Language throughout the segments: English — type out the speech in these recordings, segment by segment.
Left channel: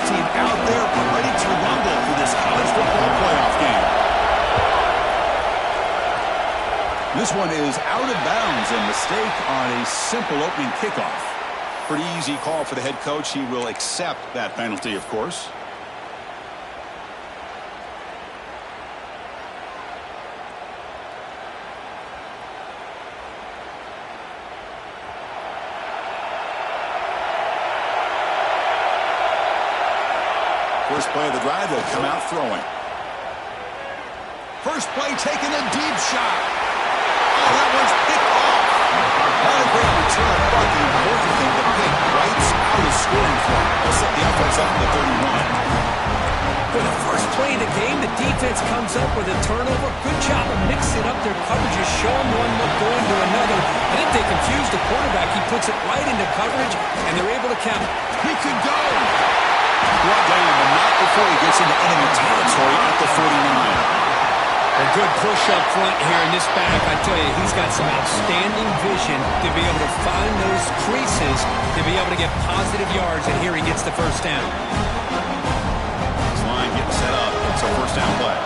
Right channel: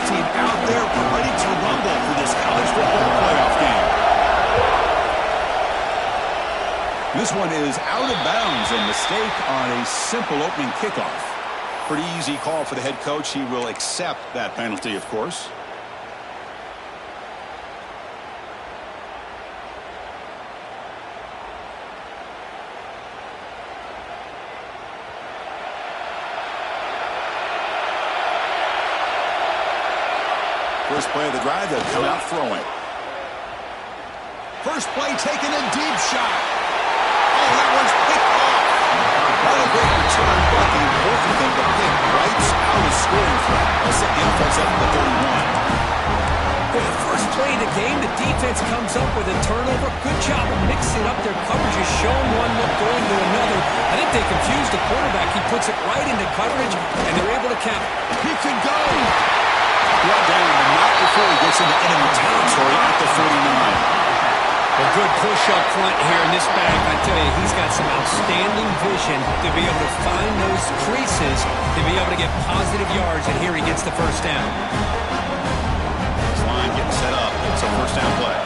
kickoff team out there ready to rumble for this college football playoff game. This one is out of bounds, a mistake on a simple opening kickoff. Pretty easy call for the head coach. He will accept that penalty, of course. First play of the drive, they'll come out throwing. First play taking a deep shot. Oh, that one's picked off. Not a great return, but the important thing, the pick wipes out a scoring threat. They'll set the offense up to the 31. For the first play of the game, the defense comes up with a turnover. Good job of mixing up their coverages, showing one look, going to another. I think they confused the quarterback. He puts it right into coverage, and they're able to count. He could go. Brought down, but not before he gets into enemy territory at the 49. A good push up front here in this back. I tell you, he's got some outstanding vision to be able to find those creases, to be able to get positive yards, and here he gets the first down. This line getting set up. It's a first down play.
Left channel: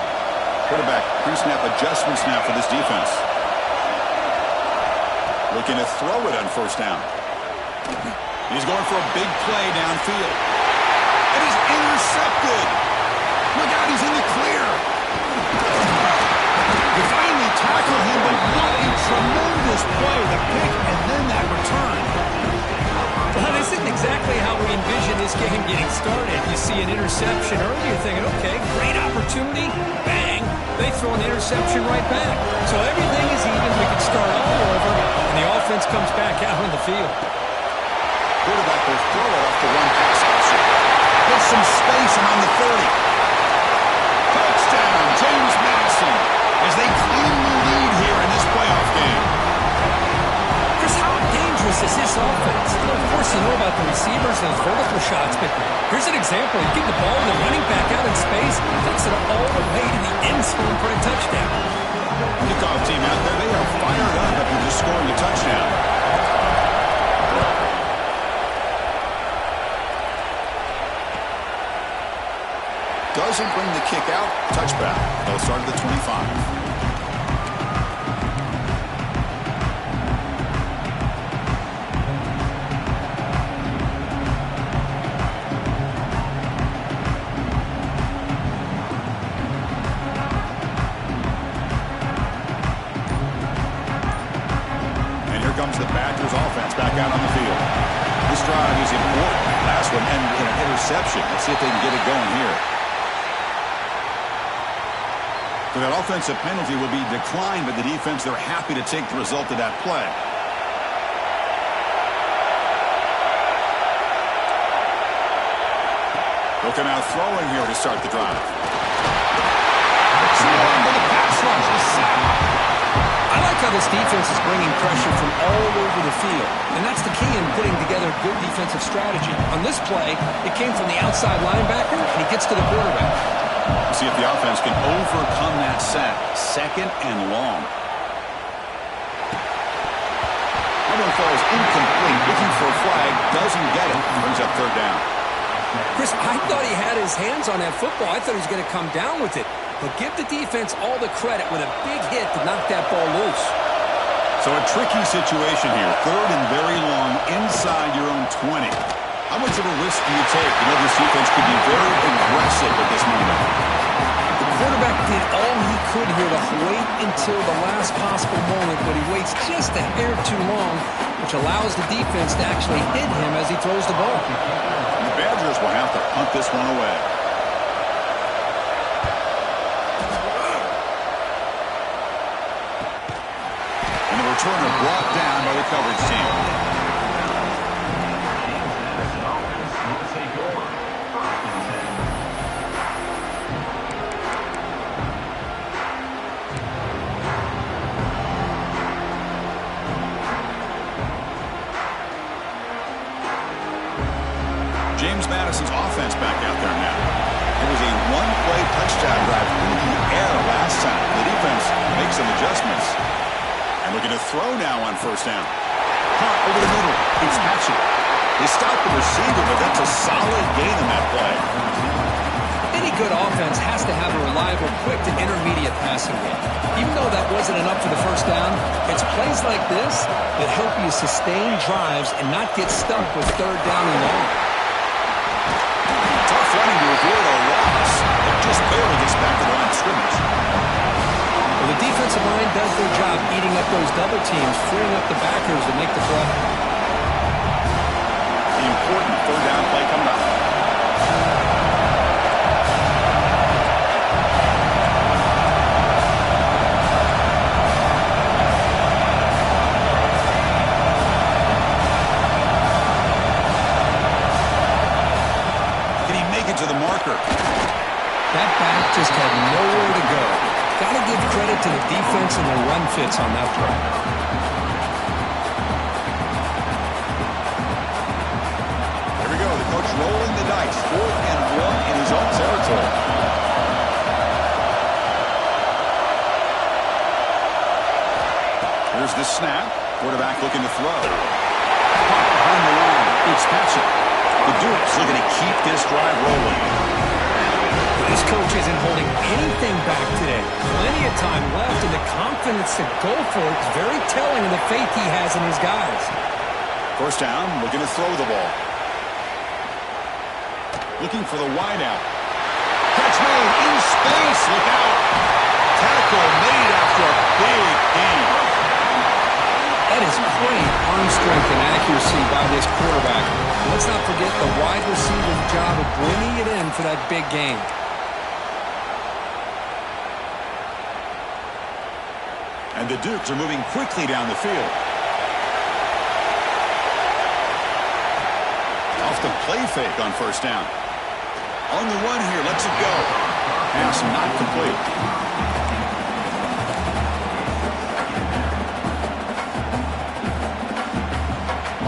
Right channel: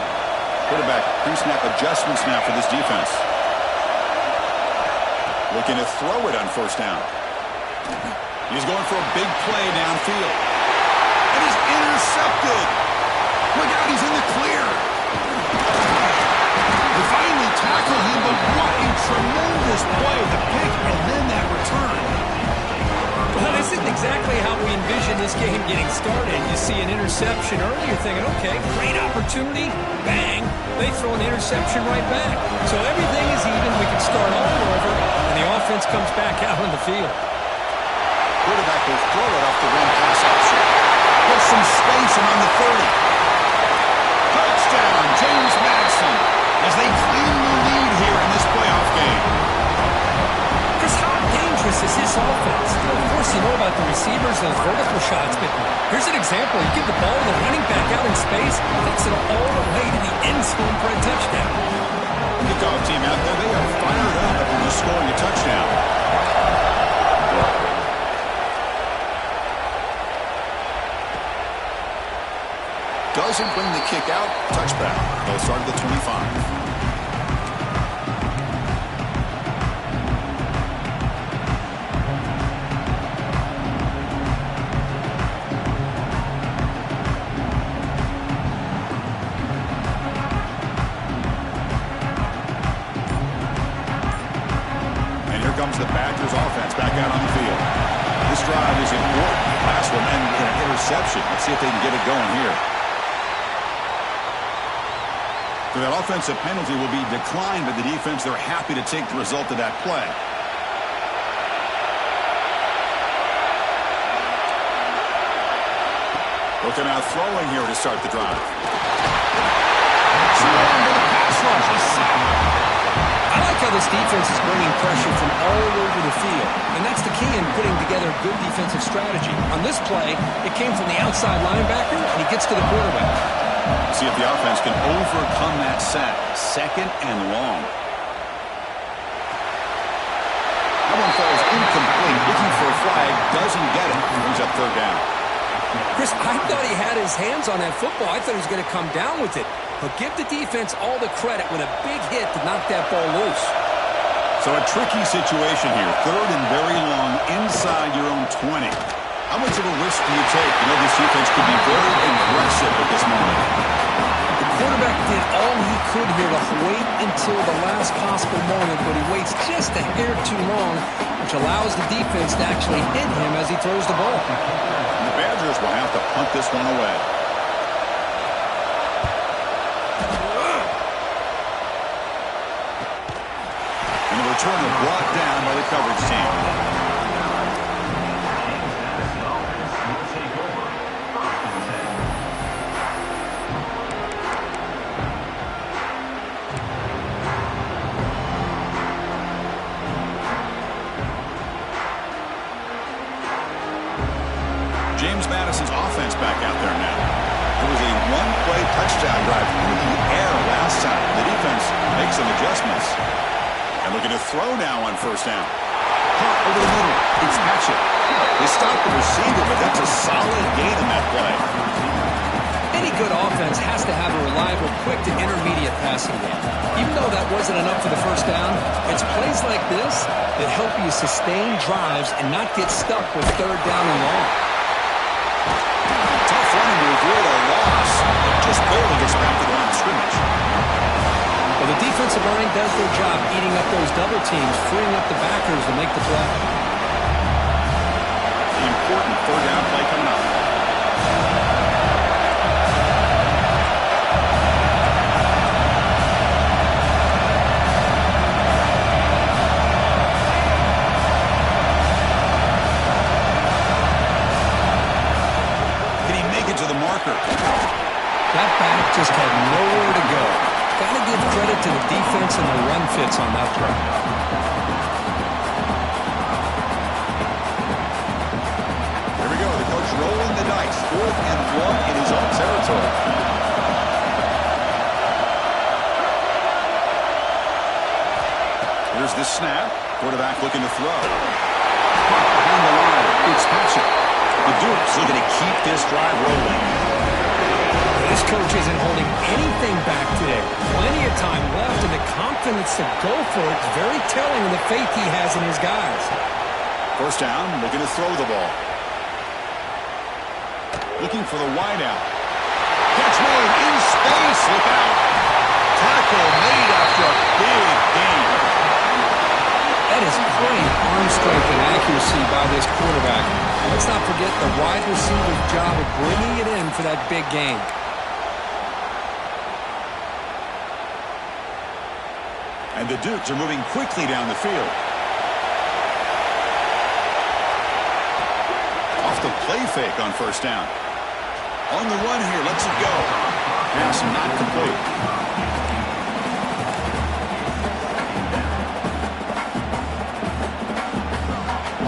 Quarterback pre-snap adjustments now for this defense. Looking to throw it on first down. He's going for a big play downfield. And he's intercepted. Look out, he's in the clear. They finally tackle him, but what a tremendous play. The pick and then that return. Well, this isn't exactly how we envision this game getting started. You see an interception early, you're thinking, okay, great opportunity. Bang. They throw an interception right back. So everything is even. We can start all over, and the offense comes back out on the field. Quarterback will throw it off the run pass option. Gets some space around the 30. Touchdown, James Madison, as they claim the lead here in this playoff game. Chris, how dangerous is this offense? Of course, you know about the receivers and those vertical shots, but here's an example. You give the ball to the running back out in space, takes it all the way to the end zone for a touchdown. Kickoff team out there, they are fired up after just scoring a touchdown. Doesn't bring the kick out. Touchback. They'll start at the 25. And here comes the Badgers offense back out on the field. This drive is important. Last one ended in an interception. Let's see if they can get it going here. So that offensive penalty will be declined by the defense. They're happy to take the result of that play. They'll come out throwing here to start the drive. Swarm with a pass rush. A sack. I like how this defense is bringing pressure from all over the field, and that's the key in putting together a good defensive strategy. On this play, it came from the outside linebacker, and he gets to the quarterback. We'll see if the offense can overcome that sack. Second and long. That one falls incomplete. Looking for a flag. Doesn't get it. Brings up third down. Chris, I thought he had his hands on that football. I thought he was going to come down with it. But give the defense all the credit with a big hit to knock that ball loose. So a tricky situation here. Third and very long inside your own 20. How much of a risk do you take? You know, this defense could be very aggressive at this moment. The quarterback did all he could here to wait until the last possible moment, but he waits just a hair too long, which allows the defense to actually hit him as he throws the ball. The Badgers will have to punt this one away. And the returner brought down by the coverage team. James Madison's offense back out there now. It was a one-play touchdown drive through the air last time. The defense makes some adjustments. And looking to throw now on first down. Caught over the middle. It's Hatchet. They stopped the receiver, but that's a solid gain on that play. Any good offense has to have a reliable, quick to intermediate passing game. Even though that wasn't enough for the first down, it's plays like this that help you sustain drives and not get stuck with third down and long. Tough running to avoid a loss. It just barely gets back to the line of scrimmage. Well, the defensive line does their job eating up those double teams, freeing up the backers to make the play. The important third down play coming up. Can he make it to the marker? That back just had nowhere to go. Got to give credit to the defense and the run fits on that play. Here we go. The coach rolling the dice. 4th and 1 in his own territory. Here's the snap. Quarterback looking to throw. Caught behind the line. It's Patchett. The Dukes looking to keep this drive rolling. This coach isn't holding anything back today. Plenty of time left, and the confidence to go for it is very telling of the faith he has in his guys. First down, looking to throw the ball. Looking for the wideout. Catch made in space. Look out. Tackle made after a big gain. That is great arm strength and accuracy by this quarterback. Let's not forget the wide receiver's job of bringing it in for that big gain. And the Dukes are moving quickly down the field. Off the play fake on first down. On the run here, lets it go. Pass not complete.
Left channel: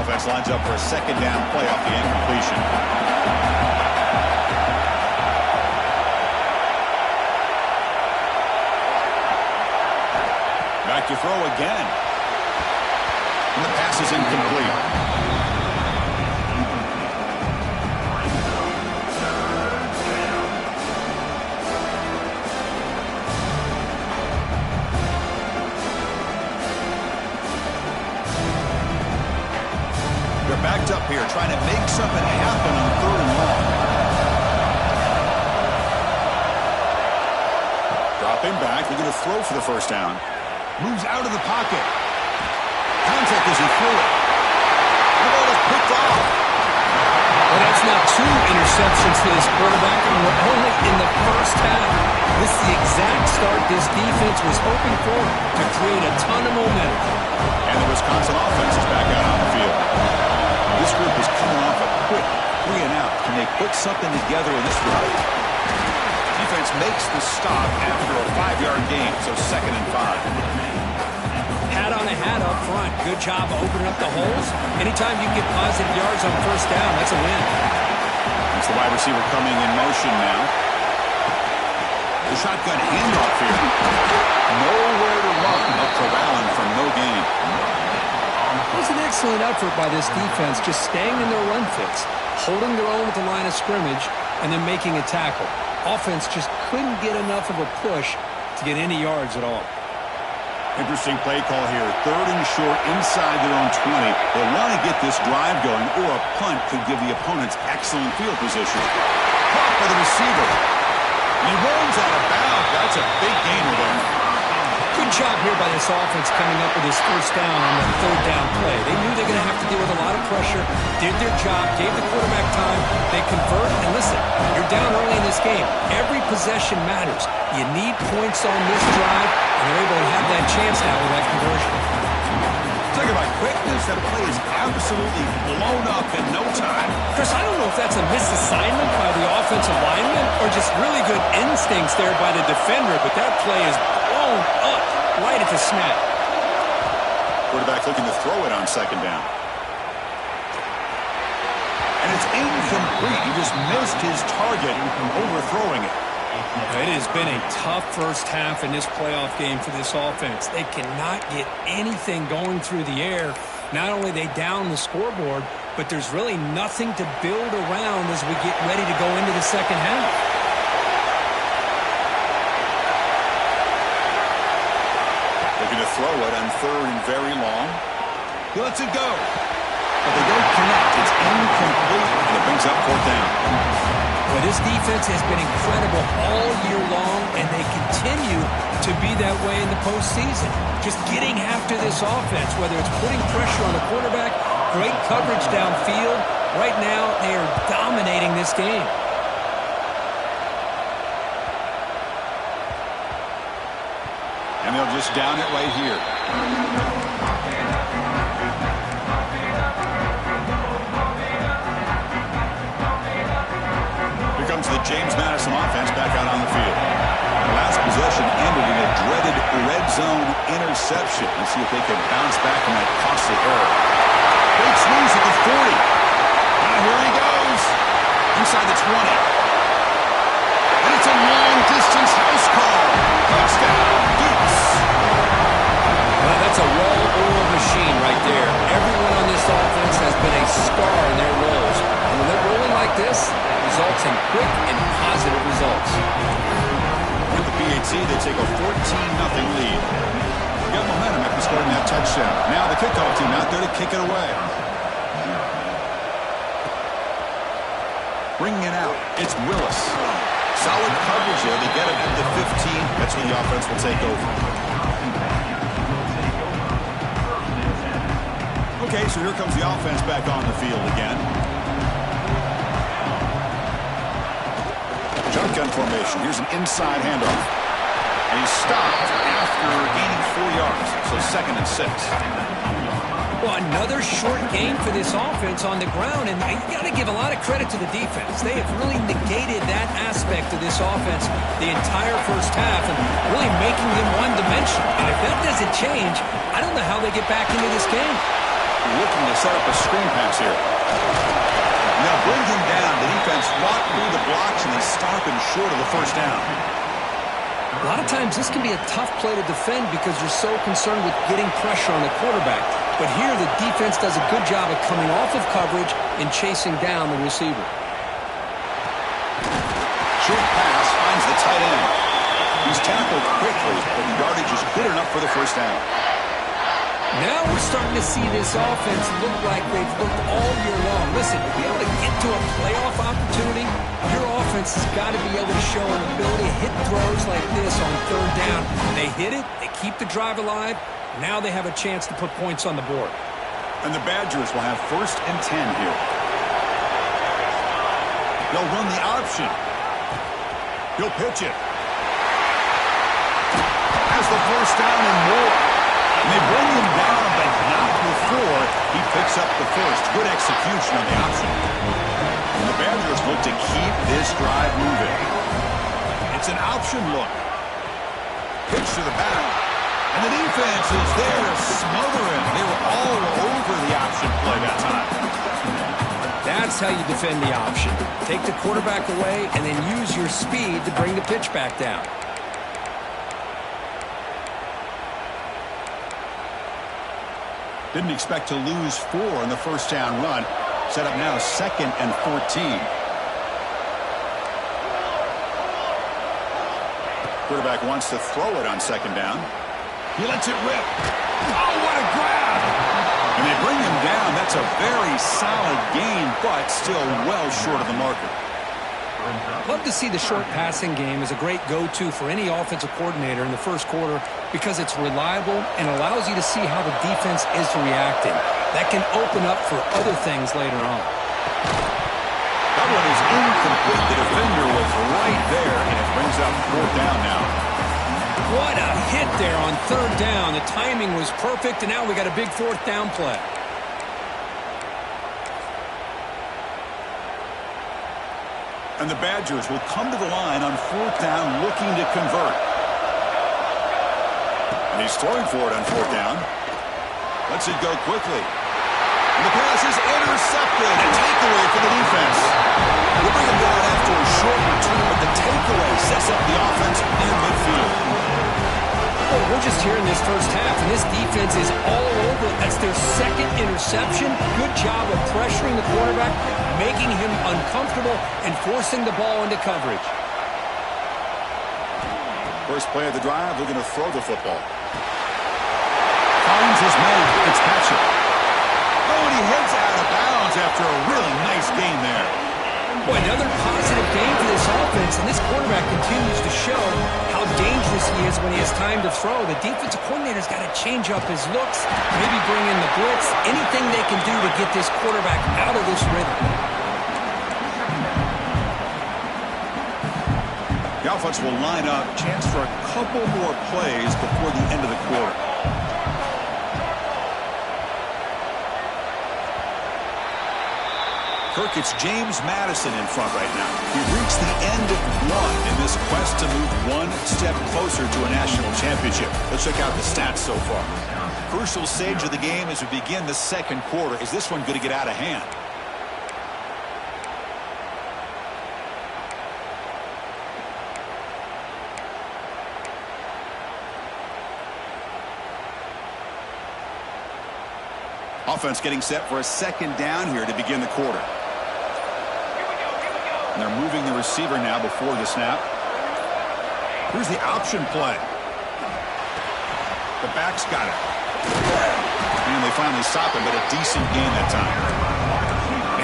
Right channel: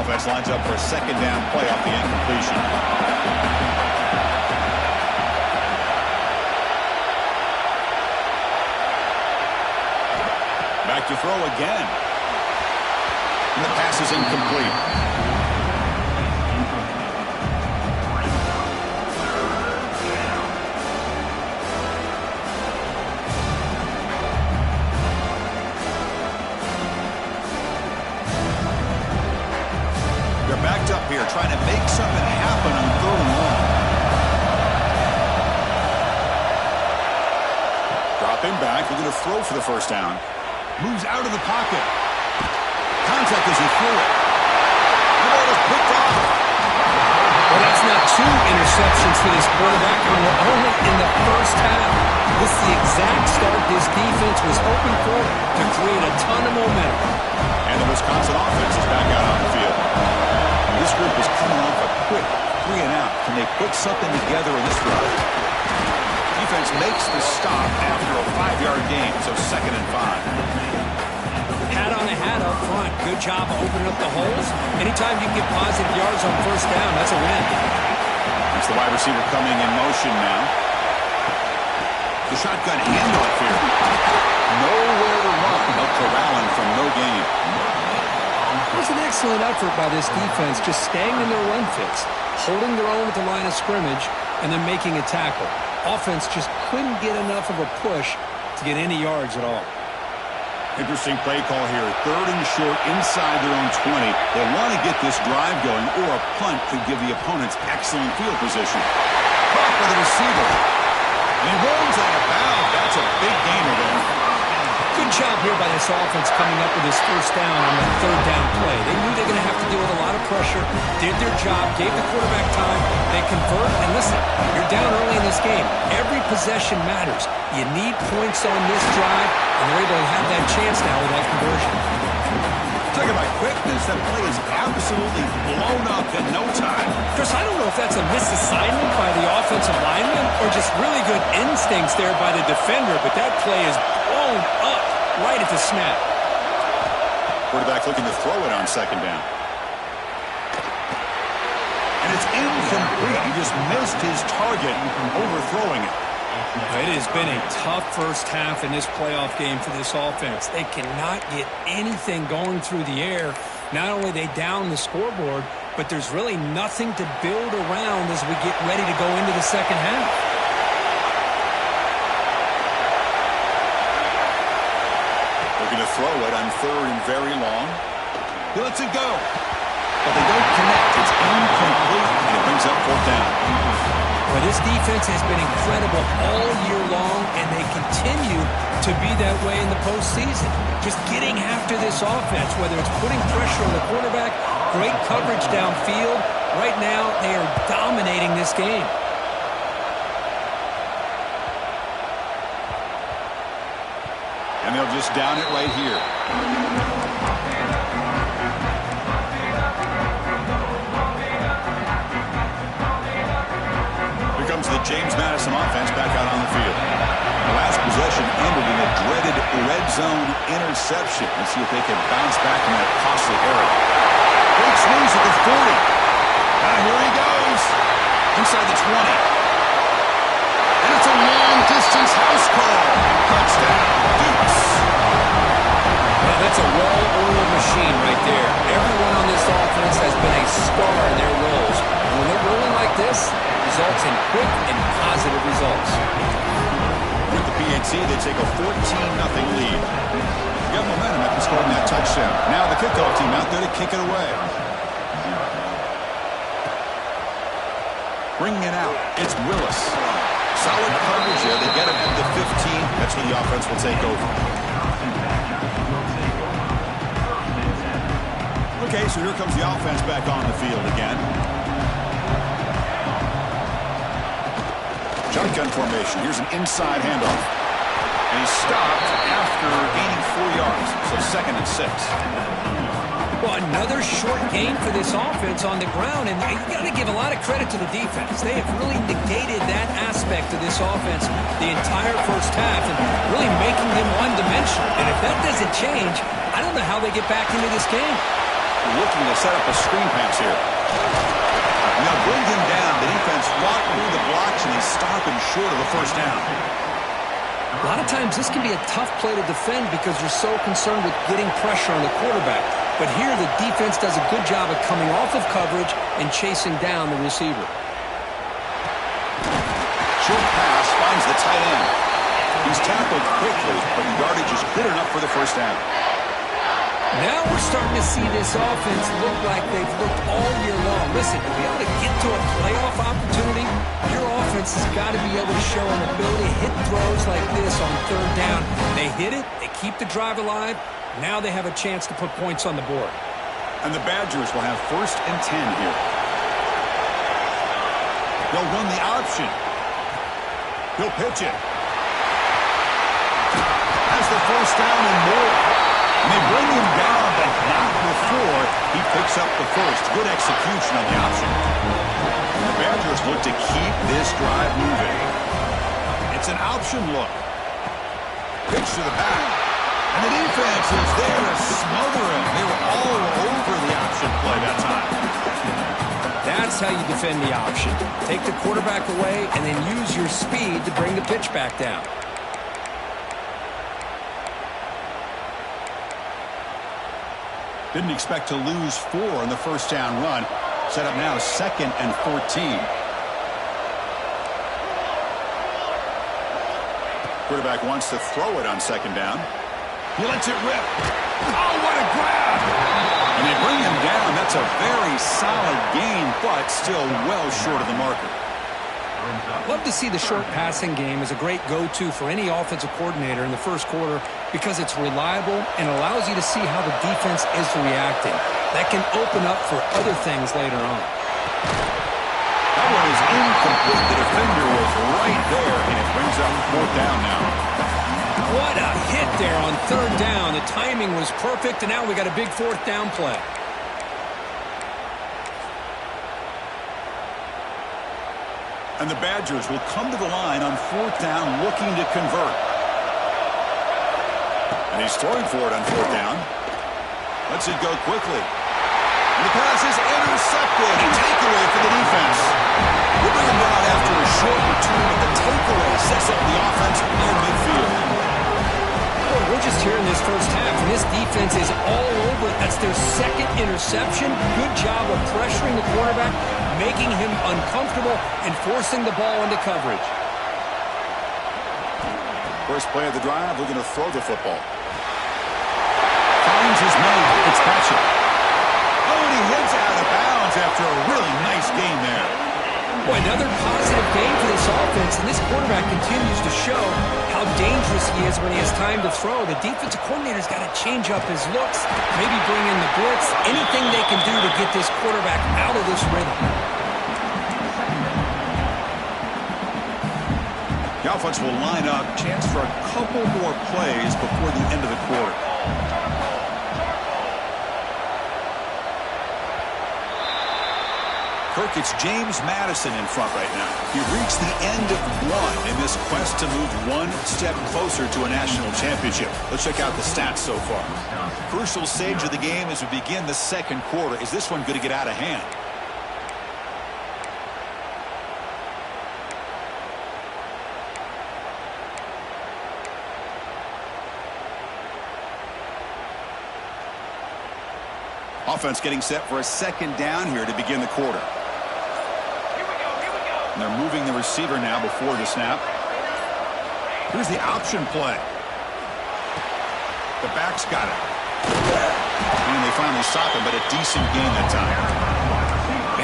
Offense lines up for a second down play off the incompletion. Back to throw again. And the pass is incomplete. They're backed up here, trying to make something happen on 3rd and long. Dropping back, looking to throw for the first down. Moves out of the pocket. Contact as he threw it. The ball is picked off. Well, that's now 2 interceptions for this quarterback, and we're only in the first half. This is the exact start this defense was hoping for to create a ton of momentum. And the Wisconsin offense is back out on the field. This group is coming off a quick 3 and out. Can they put something together in this drive? Defense makes the stop after a 5-yard gain, so 2nd and 5. Hat on a hat up front. Good job opening up the holes. Anytime you can get positive yards on first down, that's a win. It's the wide receiver coming in motion now. The shotgun handoff here. Nowhere to run. They'll corral him for no gain. It was an excellent effort by this defense, just staying in their run fits, holding their own at the line of scrimmage, and then making a tackle. Offense just couldn't get enough of a push to get any yards at all. Interesting play call here. 3rd and short inside their own 20. They want to get this drive going, or a punt could give the opponents excellent field position. Caught by the receiver. And he runs out of bounds. That's a big gainer there. Good job here by this offense coming up with his first down on that 3rd down play. They knew they were going to have to deal with a lot of pressure, did their job, gave the quarterback time, they convert, and listen, you're down early in this game. Every possession matters. You need points on this drive, and they're able to have that chance now with that conversion. Talking about quickness, that play is absolutely blown up in no time. Chris, I don't know if that's a misassignment by the offensive lineman or just really good instincts there by the defender, but that play is blown up right at the snap. Quarterback looking to throw it on 2nd down. And it's incomplete. He just missed his target overthrowing it. It has been a tough first half in this playoff game for this offense. They cannot get anything going through the air. Not only they down the scoreboard, but there's really nothing to build around as we get ready to go into the second half. Looking to throw it on 3rd and very long. He lets it go. But they don't connect. It's incomplete, and it brings up 4th down. Well, this defense has been incredible all year long, and they continue to be that way in the postseason. Just getting after this offense, whether it's putting pressure on the quarterback, great coverage downfield. Right now, they are dominating this game. And they'll just down it right here. Here comes the James Madison offense back out on the field. The last possession ended in a dreaded red zone interception. Let's see if they can bounce back from that costly error. Big swings at the 40. Now here he goes. Inside the 20. And it's a long-distance house call. Touchdown, Dukes. Well, that's a well-oiled machine right there. Everyone on this offense has been a star in their roles. And when they're rolling like this, it results in quick and positive results. With the PAT, they take a 14-0 lead. You got momentum after scoring that touchdown. Now the kickoff team out there to kick it away. Bringing it out, it's Willis. Solid coverage there. They get him at the 15. That's where the offense will take over. Okay, so here comes the offense back on the field again. Shotgun formation. Here's an inside handoff. And he's stopped after gaining 4 yards. So 2nd and 6. Well, another short gain for this offense on the ground, and you got to give a lot of credit to the defense. They have really negated that aspect of this offense the entire first half and really making them one-dimensional. And if that doesn't change, I don't know how they get back into this game. Looking to set up a screen pass here. Now bring him down. The defense fought through the blocks, and they stop him short of the first down. A lot of times this can be a tough play to defend because you're so concerned with getting pressure on the quarterback. But here the defense does a good job of coming off of coverage and chasing down the receiver. Short pass finds the tight end. He's tackled quickly, but the yardage is good enough for the first down. Now we're starting to see this offense look like they've looked all year long. Listen, to be able to get to a playoff opportunity, your offense has got to be able to show an ability to hit throws like this on 3rd down. They hit it, they keep the drive alive. Now they have a chance to put points on the board. And the Badgers will have 1st and 10 here. They'll run the option. He'll pitch it. Has the first down and more. And they bring him down, but not before he picks up the first. Good execution on the option. And the Badgers look to keep this drive moving. It's an option look. Pitch to the back. And the defense is there to smother him. They were all over the option play that time. That's how you defend the option. Take the quarterback away and then use your speed to bring the pitch back down. Didn't expect to lose 4 in the first down run. Set up now 2nd and 14. Quarterback wants to throw it on 2nd down. He lets it rip. Oh, what a grab! And they bring him down. That's a very solid gain, but still well short of the marker. Love to see the short passing game as a great go-to for any offensive coordinator in the first quarter because it's reliable and allows you to see how the defense is reacting. That can open up for other things later on. That one is incomplete. The defender was right there, and it brings up 4th down now. What a hit there on 3rd down. The timing was perfect, and now we got a big 4th down play. And the Badgers will come to the line on 4th down looking to convert. And he's throwing for it on 4th down. Lets it go quickly. And the pass is intercepted. A takeaway for the defense. They bring him down after a short return, but the takeaway sets up the offense near midfield. Well, we're just here in this first half, and this defense is all over. That's their second interception. Good job of pressuring the quarterback, making him uncomfortable, and forcing the ball into coverage. First play of the drive, looking to throw the football. Finds his man, Fitzpatrick. Oh, and he heads out of bounds after a really nice game there. Boy, another positive game for this offense, and this quarterback continues to show how dangerous he is when he has time to throw. The defensive coordinator's got to change up his looks, maybe bring in the blitz, anything they can do to get this quarterback out of this rhythm. The offense will line up, chance for a couple more plays before the end of the quarter. Kirk, it's James Madison in front right now. He reached the end of one in this quest to move one step closer to a national championship. Let's check out the stats so far. Crucial stage of the game as we begin the second quarter. Is this one going to get out of hand? Offense getting set for a second down here to begin the quarter. And they're moving the receiver now before the snap. Here's the option play. The back's got it. And they finally stop him, but a decent gain that time.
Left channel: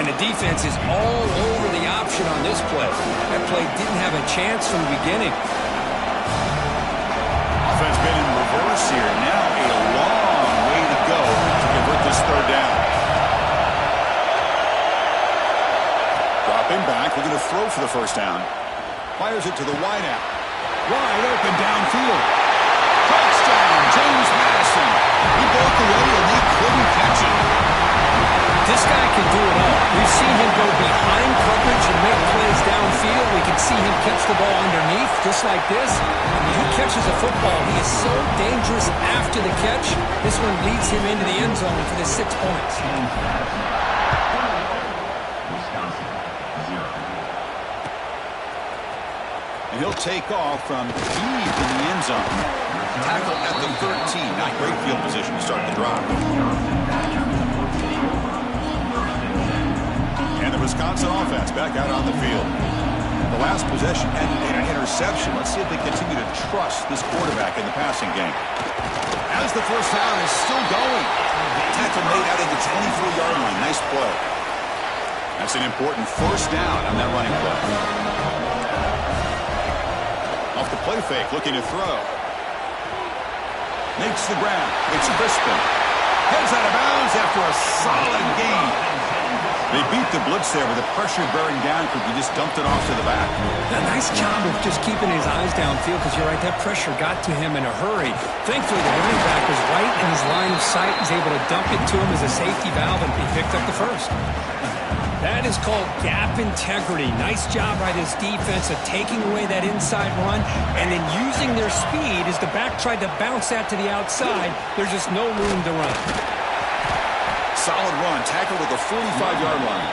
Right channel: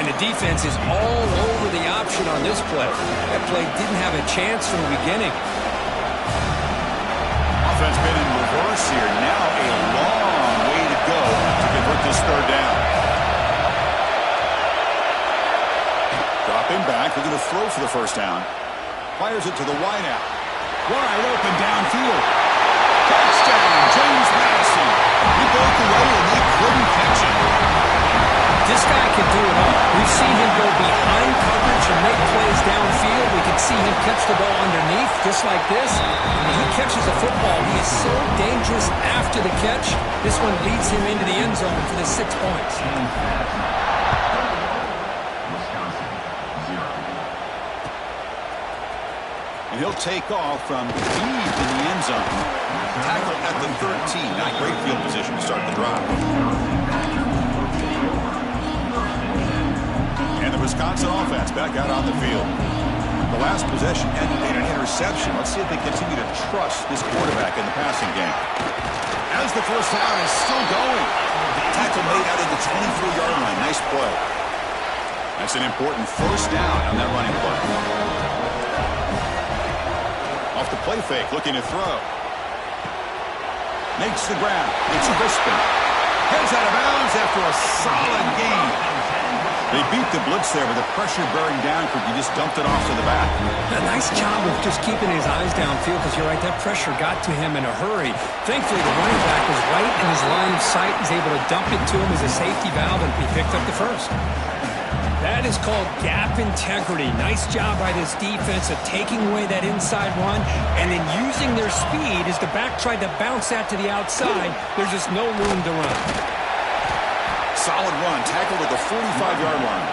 And the defense is all over the option on this play. That play didn't have a chance from the beginning. Offense been in reverse here. Now a long way to go to convert this third down. Dropping back, looking to throw for the first down. Fires it to the wideout. Wide open downfield. Touchdown, James Madison. He broke away and they couldn't catch him. This guy can do it all. We've seen him go behind coverage and make plays downfield. We can see him catch the ball underneath, just like this. And when he catches a football, he is so dangerous after the catch. This one leads him into the end zone for the 6 points. And he'll take off from deep in the end zone. Tackle at the 13. Not great field position to start the drive. And the Wisconsin offense back out on the field. The last possession ended in an interception. Let's see if they continue to trust this quarterback in the passing game. As the first down is still going. Tackle made out of the 24-yard line. Nice play. That's an important first down on that running play. Off the play fake, looking to throw. Makes the grab. It's Crispin. Heads out of bounds after a solid gain. They beat the blitz there with the pressure bearing down because he just dumped it off to the back. A nice job of just keeping his eyes downfield because you're right, that pressure got to him in a hurry. Thankfully, the running back was right in his line of sight. He's able to dump it to him as a safety valve, and he picked up the first. That is called gap integrity. Nice job by this defense of taking away that inside run and then using their speed as the back tried to bounce that to the outside. There's just no room to run. Solid run, tackled at the 45-yard line.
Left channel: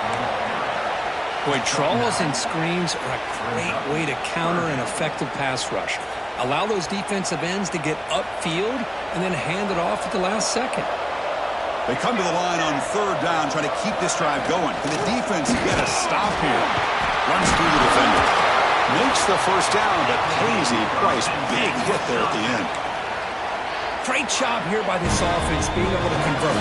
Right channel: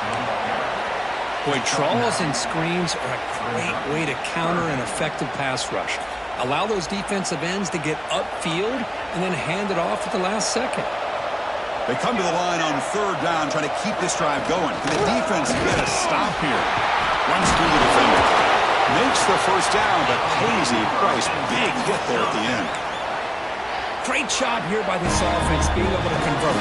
Boy, draws and screens are a great way to counter an effective pass rush. Allow those defensive ends to get upfield and then hand it off at the last second. They come to the line on third down, trying to keep this drive going. Can the defense get a stop here? Runs through the defender. Makes the first down, but pays a price. Big hit there at the end. Great job here by this offense being able to convert.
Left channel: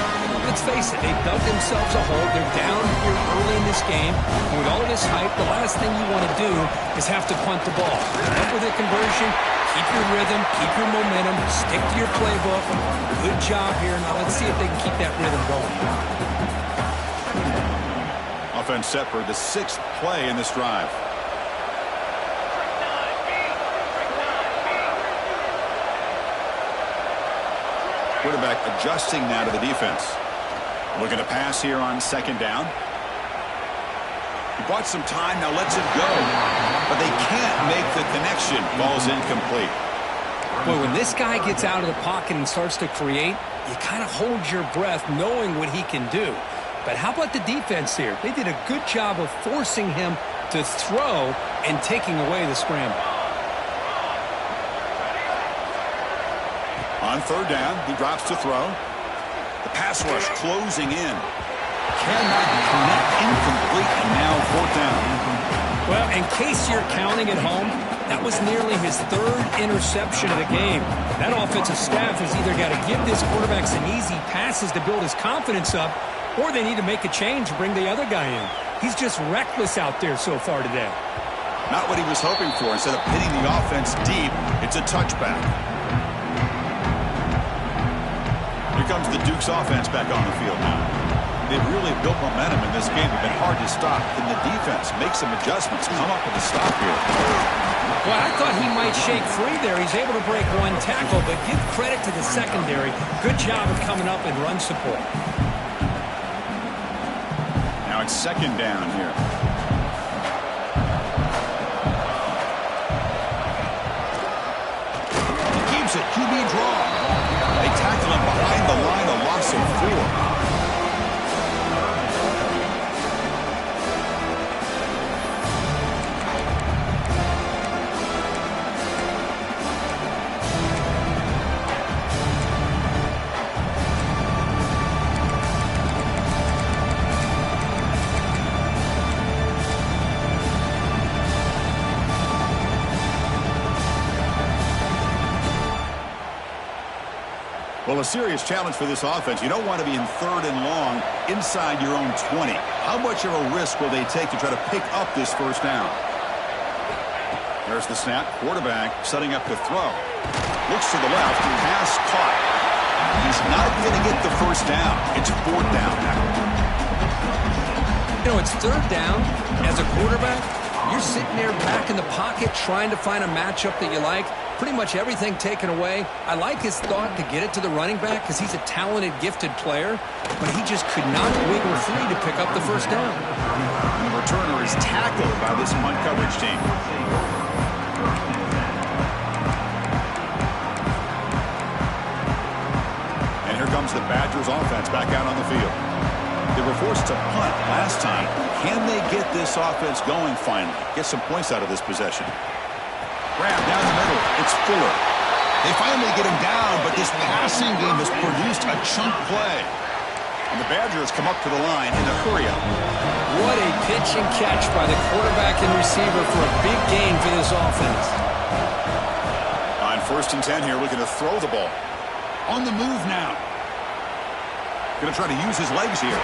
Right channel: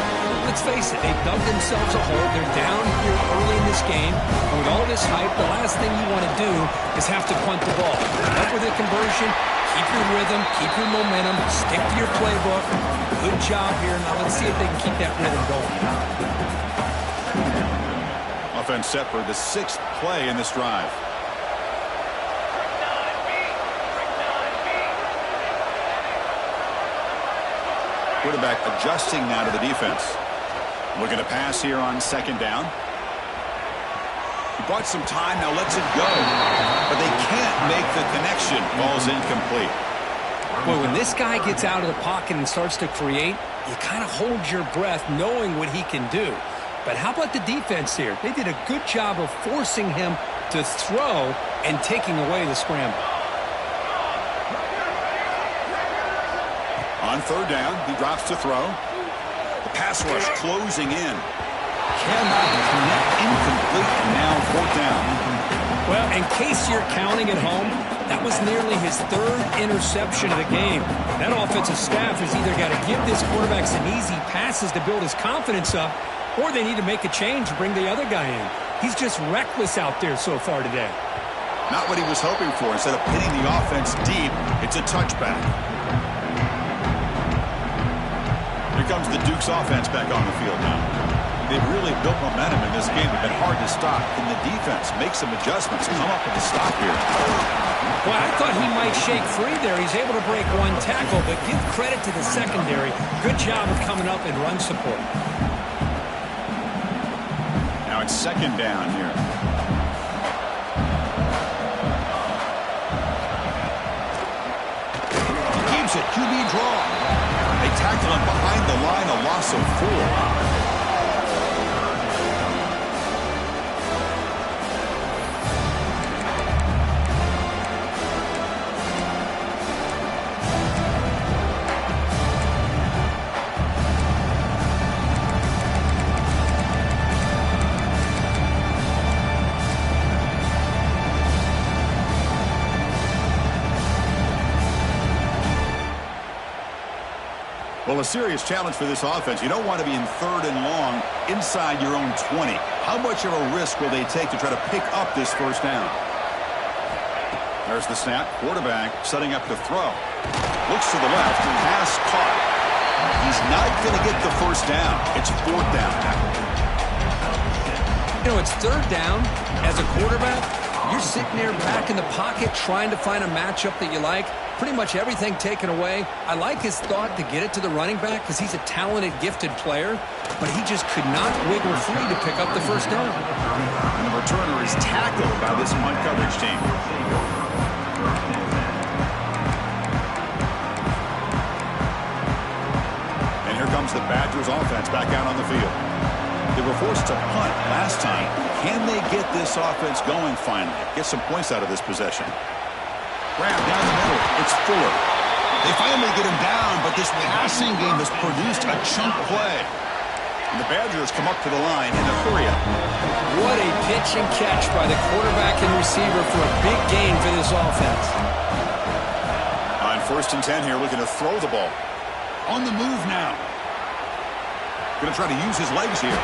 Let's face it, they've dug themselves a hole. They're down here early in this game. And with all this hype, the last thing you want to do is have to punt the ball. Up with a conversion, keep your rhythm, keep your momentum, stick to your playbook. Good job here. Now let's see if they can keep that rhythm going. Offense set for the 6th play in this drive. Quarterback adjusting now to the defense. Looking to pass here on second down. He bought some time, now lets it go. But they can't make the connection. Ball's incomplete. Boy, when this guy gets out of the pocket and starts to create, you kind of hold your breath knowing what he can do. But how about the defense here? They did a good job of forcing him to throw and taking away the scramble. On third down, he drops to throw. The pass rush closing in. Cannot connect, incomplete, and now fourth down. Well, in case you're counting at home, that was nearly his third interception of the game. That offensive staff has either got to give this quarterback some easy passes to build his confidence up, or they need to make a change and bring the other guy in. He's just reckless out there so far today. Not what he was hoping for. Instead of pitting the offense deep, it's a touchback. Here comes the Duke's offense back on the field now. They've really built momentum in this game. They've been hard to stop. Can the defense make some adjustments, come up with a stop here? Well, I thought he might shake free there. He's able to break one tackle, but give credit to the secondary. Good job of coming up and run support. Now it's second down here. He keeps it. QB draw. They tackle him behind the line, a loss of 4. Well, a serious challenge for this offense. You don't want to be in third and long inside your own 20. How much of a risk will they take to try to pick up this first down? There's the snap. Quarterback setting up to throw. Looks to the left. Pass caught. He's not going to get the first down. It's fourth down now. You know, it's third down. As a quarterback, you're sitting there back in the pocket trying to find a matchup that you like. Pretty much everything taken away. I like his thought to get it to the running back because he's a talented, gifted player, but he just could not wiggle free to pick up the first down. And the returner is tackled by this punt coverage team. And here comes the Badgers offense back out on the field. They were forced to punt last time. Can they get this offense going finally? Get some points out of this possession. Grab down the middle. It's Fuller. They finally get him down, but this passing game has produced a chunk play. And the Badgers come up to the line in a hurry-up. What a pitch and catch by the quarterback and receiver for a big gain for this offense. On first and 10 here, looking to throw the ball. On the move now. Going to try to use his legs here.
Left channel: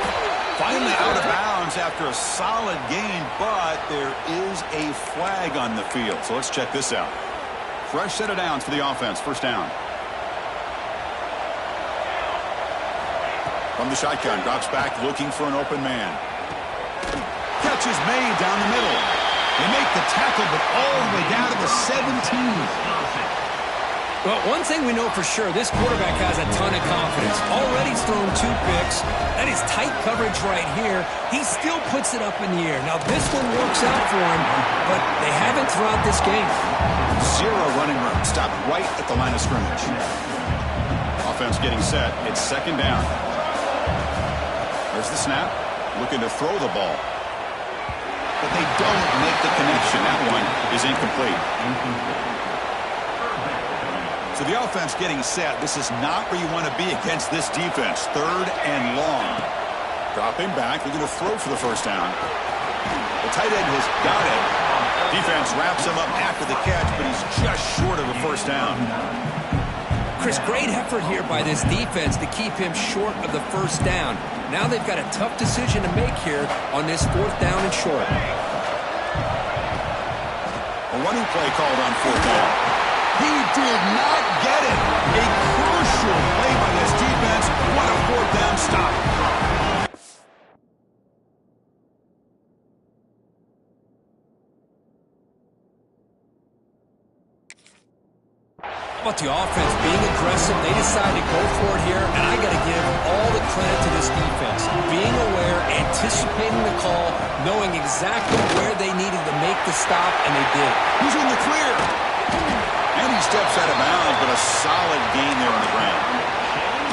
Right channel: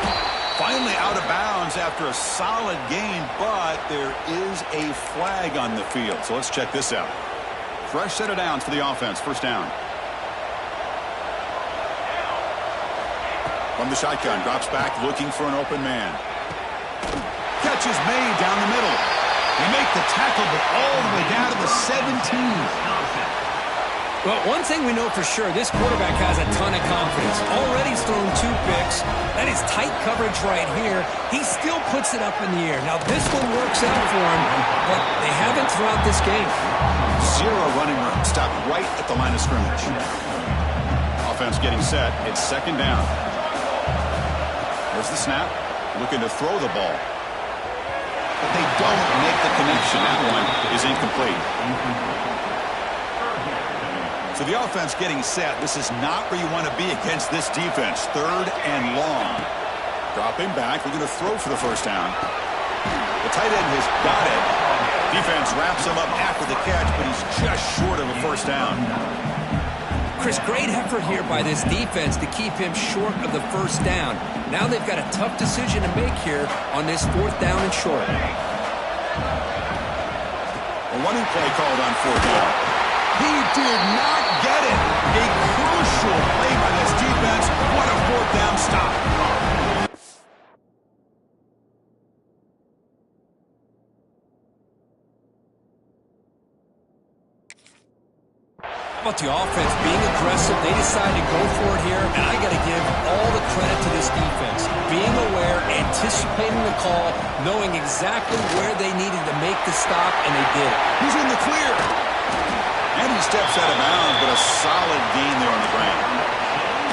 Finally out of bounds after a solid gain, but there is a flag on the field. So let's check this out. Fresh set of downs for the offense. First down. From the shotgun, drops back looking for an open man. Catch is made down the middle. They make the tackle, but all the way down to the 17. Well, one thing we know for sure, this quarterback has a ton of confidence. Already he's thrown 2 picks. That is tight coverage right here. He still puts it up in the air. Now, this one works out for him, but they haven't throughout this game. 0 running room. Stopped right at the line of scrimmage. Offense getting set. It's second down. There's the snap. Looking to throw the ball. But they don't make the connection. That one is incomplete. So the offense getting set. This is not where you want to be against this defense. Third and long. Dropping back. Looking to throw for the first down. The tight end has got it. Defense wraps him up after the catch, but he's just short of a first down. Chris, great effort here by this defense to keep him short of the first down. Now they've got a tough decision to make here on this fourth down and short. A running play called on fourth down. He did not get it. A crucial play by this defense. What a fourth down stop. How about the offense being aggressive? They decided to go for it here, and I got to give all the credit to this defense. Being aware, anticipating the call, knowing exactly where they needed to make the stop, and they did. Who's in the clear? And he steps out of bounds, but a solid gain there on the ground.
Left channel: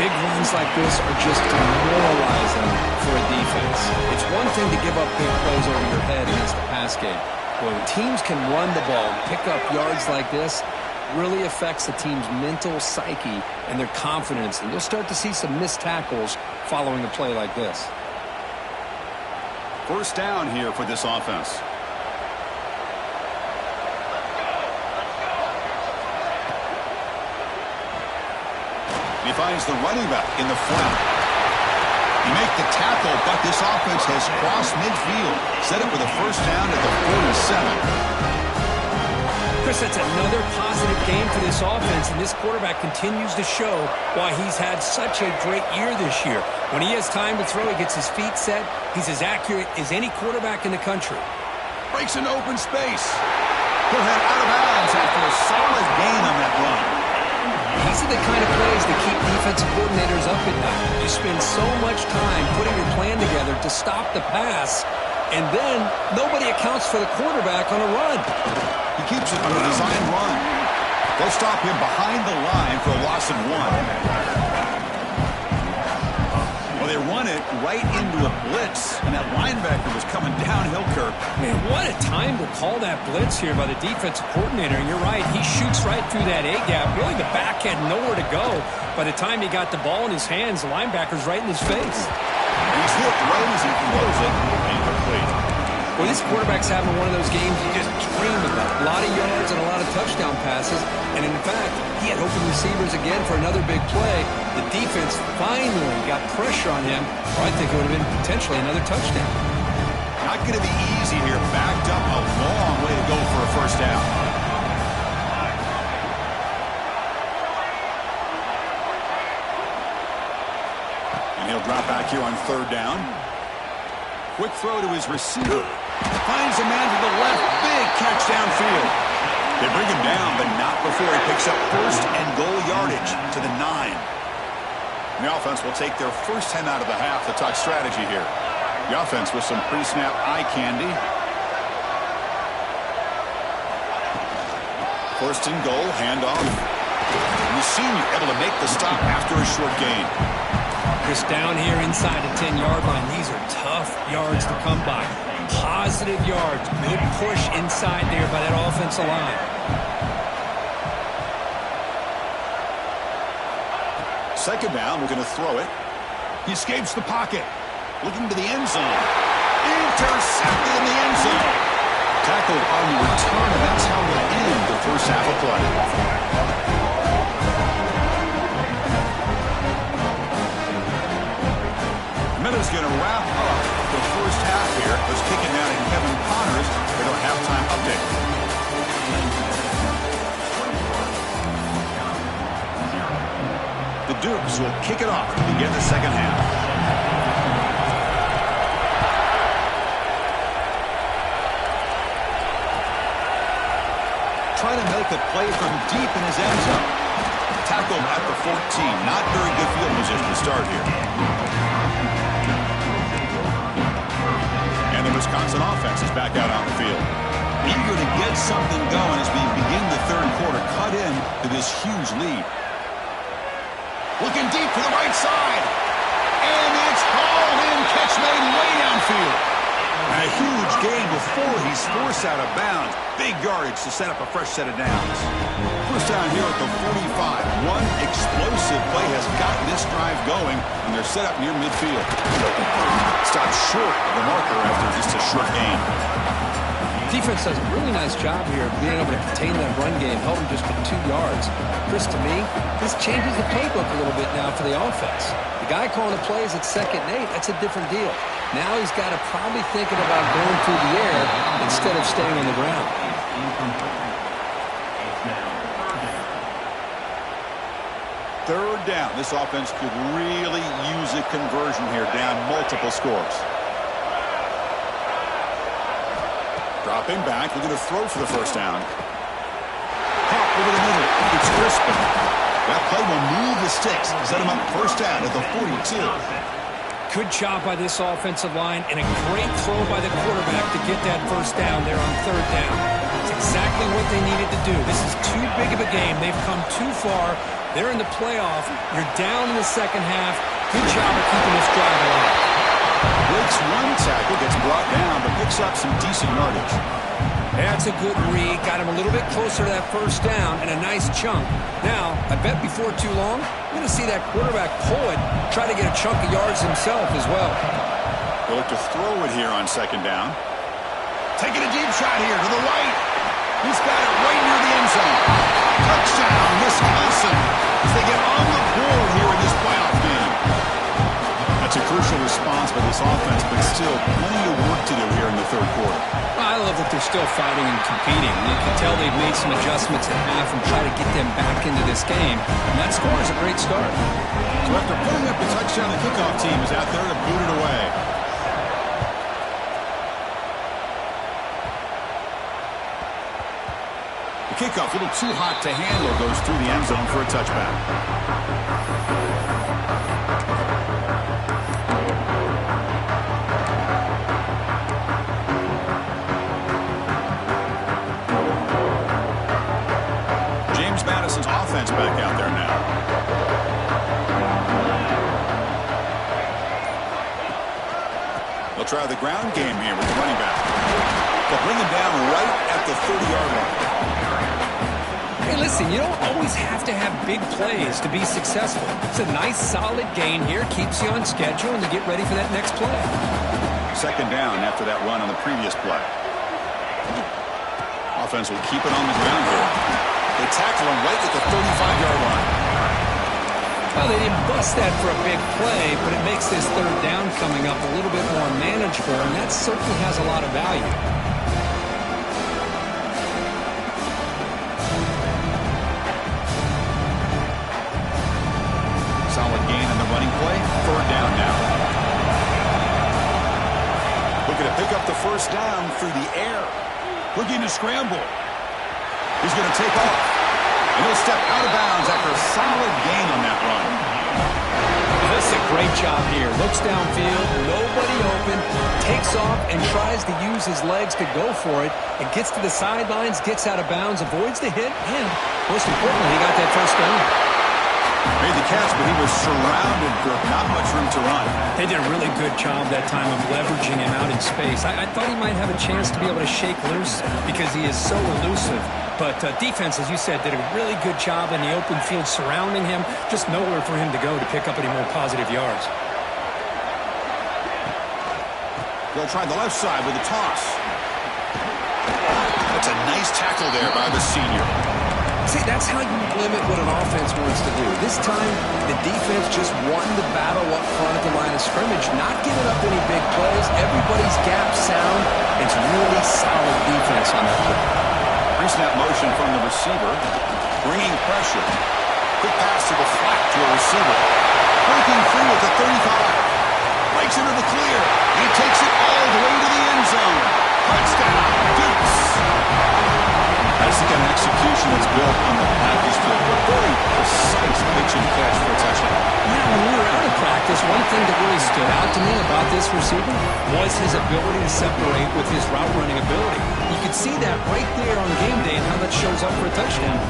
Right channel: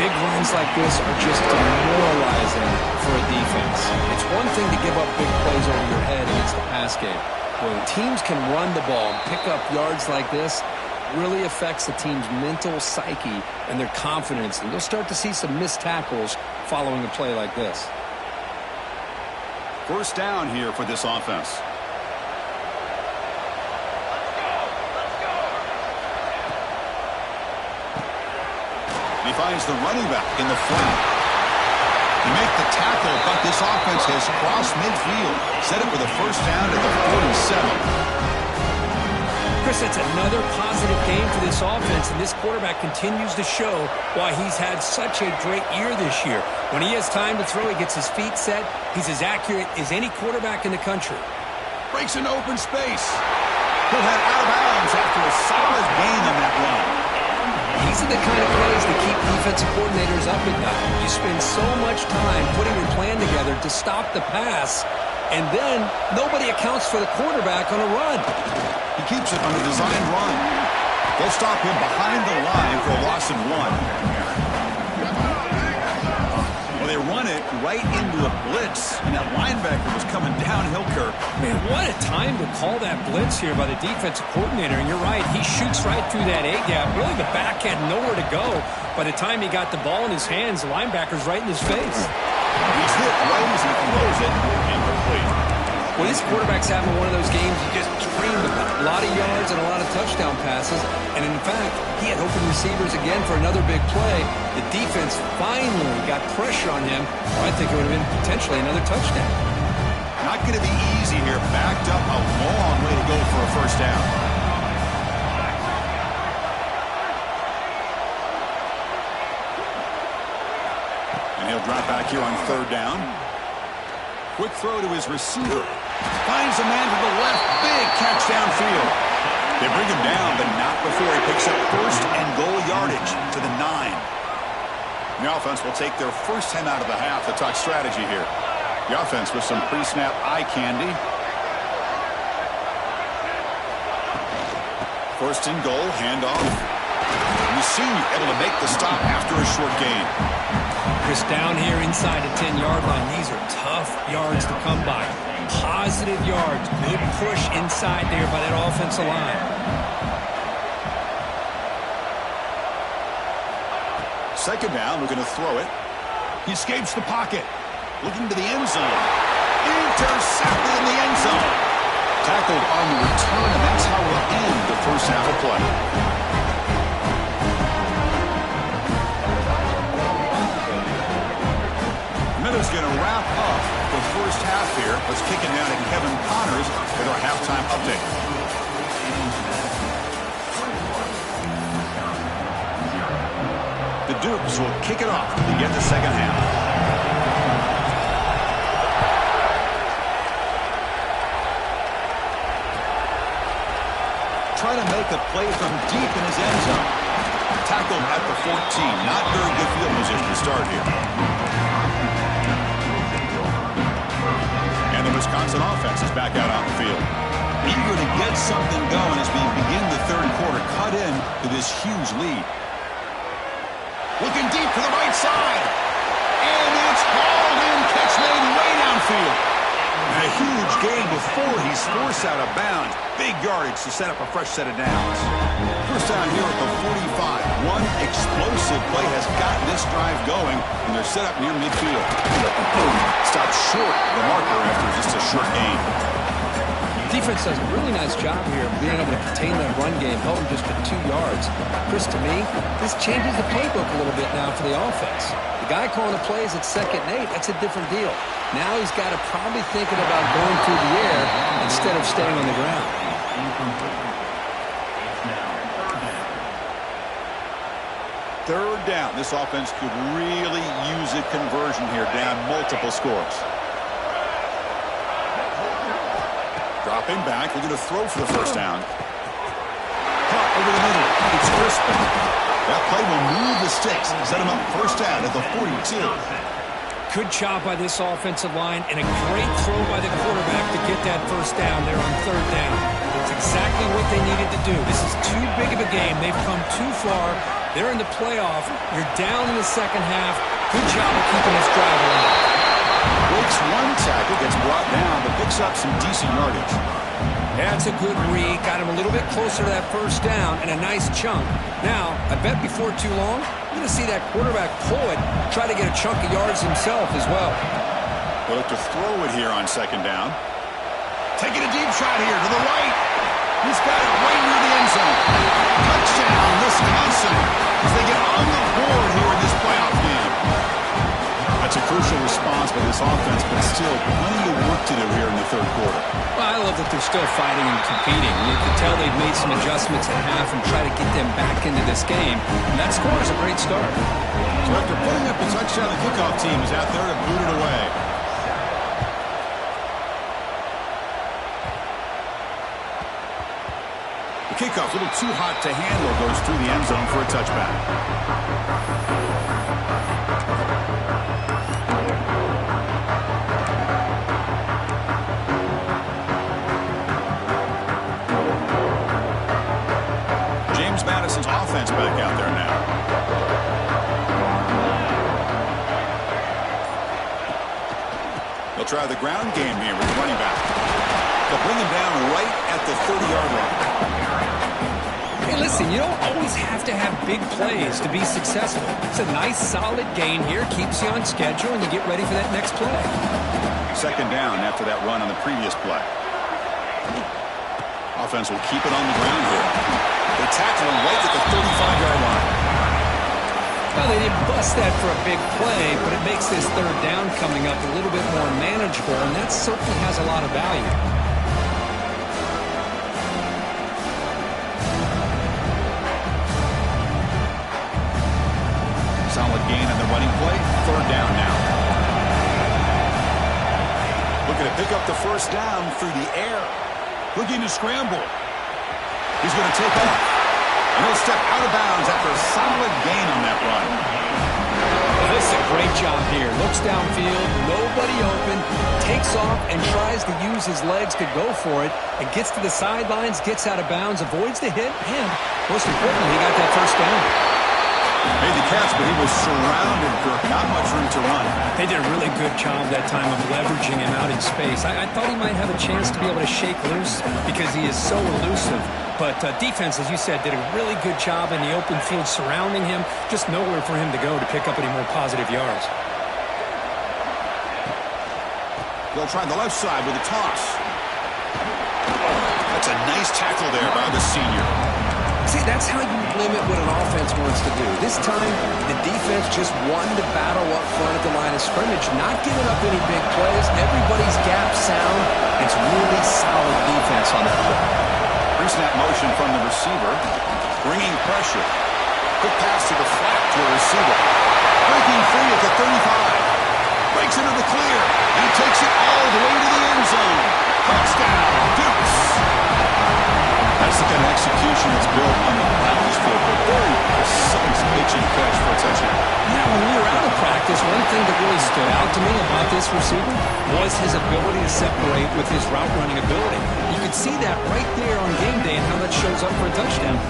Big runs like this are just demoralizing for a defense. It's one thing to give up big plays over your head against the pass game. When teams can run the ball and pick up yards like this, really affects the team's mental psyche and their confidence. And you'll start to see some missed tackles following a play like this. First down here for this offense. He finds the running back in the flat. You make the tackle, but this offense has crossed midfield. Set up with a first down at the 47. Chris, that's another positive game for this offense, and this quarterback continues to show why he's had such a great year this year. When he has time to throw, he gets his feet set. He's as accurate as any quarterback in the country. Breaks into open space. He'll head out of bounds after a solid gain on that run. These are the kind of plays that keep defensive coordinators up at night. You spend so much time putting your plan together to stop the pass, and then nobody accounts for the quarterback on a run. He keeps it on a designed run. They'll stop him behind the line for a loss of 1. Well, they run it right into a blitz, and that linebacker was coming downhill, Kirk. Man, what a time to call that blitz here by the defensive coordinator. And you're right, he shoots right through that A-gap. Really, the back had nowhere to go. By the time he got the ball in his hands, the linebacker's right in his face. He's hit right as he throws it. Incomplete. Well, this quarterback's having one of those games you just dreamed about. A lot of yards and a lot of touchdown passes. And in fact, he had open receivers again for another big play. The defense finally got pressure on him, or I think it would have been potentially another touchdown. Not going to be easy here. Backed up a long way to go for a first down. And he'll drop back here on third down. Quick throw to his receiver. Finds a man to the left. Big catch downfield. They bring him down, but not before he picks up first and goal yardage to the 9. The offense will take their first time out of the half to talk strategy here. The offense with some pre-snap eye candy. First and goal, handoff. And the senior able to make the stop after a short gain. Chris, down here inside the 10-yard line, these are tough yards to come by. Positive yards, good push inside there by that offensive line. Second down, we're going to throw it. He escapes the pocket. Looking to the end zone. Intercepted in the end zone. Tackled on the return, and that's how we'll end the first half of play. Miller's going to wrap up the first half here. Let's kick it down to Kevin Connors with our halftime update. The Dukes will kick it off to begin the second half. Trying to make a play from deep in his end zone. Tackled at the 14. Not very good field position to start here. And the Wisconsin offense is back out on the field. Eager to get something going as we begin the third quarter. Cut in to this huge lead. Looking deep to the right side. And it's hauled in. Catch made way downfield. A huge gain before he's forced out of bounds. Big yardage to set up a fresh set of downs. First down here at the 45. One explosive play has gotten this drive going, and they're set up near midfield. Stopped short of the marker after just a short gain. Defense does a really nice job here of being able to contain that run game, held him just to 2 yards. Chris, to me, this changes the playbook a little bit now for the offense. The guy calling the plays at 2nd and 8, that's a different deal. Now he's got to probably thinking about going through the air instead of staying on the ground. Third down. This offense could really use a conversion here, down multiple scores. Dropping back, looking to throw for the first down. Caught over the middle. It's Crispin. That play will move the sticks. Set him up first down at the 42. Good job by this offensive line and a great throw by the quarterback to get that first down there on third down. It's exactly what they needed to do. This is too big of a game. They've come too far. They're in the playoff. You're down in the second half. Good job of keeping this drive alive. Breaks one tackle, gets brought down, but picks up some decent yardage. That's a good read. Got him a little bit closer to that first down and a nice chunk. Now, I bet before too long, I'm going to see that quarterback pull it, try to get a chunk of yards himself as well. They'll look to throw it here on second down. Taking a deep shot here to the right. He's got it right near the end zone. Touchdown, Wisconsin, as they get on the board here in this playoff game. That's a crucial response by this offense, but still plenty of work to do here in the third quarter. Well, I love that they're still fighting and competing. You can tell they've made some adjustments at half and try to get them back into this game. And that score is a great start. So after putting up the touchdown, the kickoff team is out there to boot it away. The kickoff, a little too hot to handle, goes through the end zone for a touchback. Madison's offense back out there now. They'll try the ground game here with the running back. They'll bring him down right at the 30-yard line. Hey, listen, you don't always have to have big plays to be successful. It's a nice, solid gain here, keeps you on schedule, and you get ready for that next play. Second down after that run on the previous play. Offense will keep it on the ground here. They tackle him right at the 35-yard line. Well, they didn't bust that for a big play, but it makes this third down coming up a little bit more manageable, and that certainly has a lot of value. Solid gain on the running play. Third down now. Looking to pick up the first down through the air. Looking to scramble. He's going to take off. And he'll step out of bounds after a solid gain on that run. Well, this is a great job here. Looks downfield, nobody open, takes off and tries to use his legs to go for it, and gets to the sidelines, gets out of bounds, avoids the hit, and most importantly, he got that first down. Made the catch, but he was surrounded for not much room to run. They did a really good job that time of leveraging him out in space. I thought he might have a chance to be able to shake loose because he is so elusive. But defense, as you said, did a really good job in the open field surrounding him. Just nowhere for him to go to pick up any more positive yards. They'll try the left side with a toss. That's a nice tackle there by the senior. See, that's how you limit what an offense wants to do. This time, the defense just won the battle up front at the line of scrimmage, not giving up any big plays. Everybody's gap sound. It's really solid defense on that play. Pre-snap motion from the receiver, bringing pressure. Quick pass to the flat to a receiver. Breaking free at the 35. Breaks into the clear, and he takes it all the way to the end zone. Touchdown, Dukes. That's the kind of execution that's built on the practice field. A very precise pitch and catch for a touchdown. Yeah, when we were out of practice, one thing that really stood out to me about this receiver was his ability to separate with his route running ability. You could see that right there on game day and how that shows up for a touchdown.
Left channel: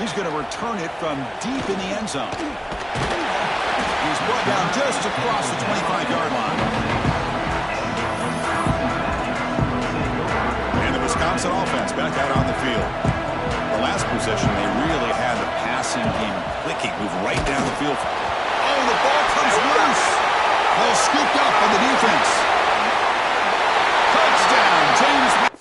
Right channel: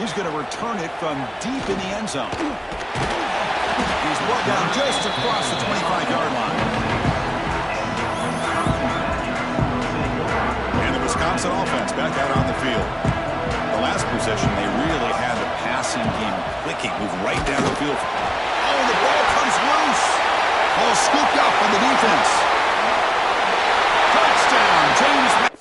He's going to return it from deep in the end zone. He's brought down just across the 25-yard line. And the Wisconsin offense back out on the field. The last possession, they really had the passing game clicking, move right down the field. Oh, the ball comes loose. Ball scooped up on the defense. Touchdown, James.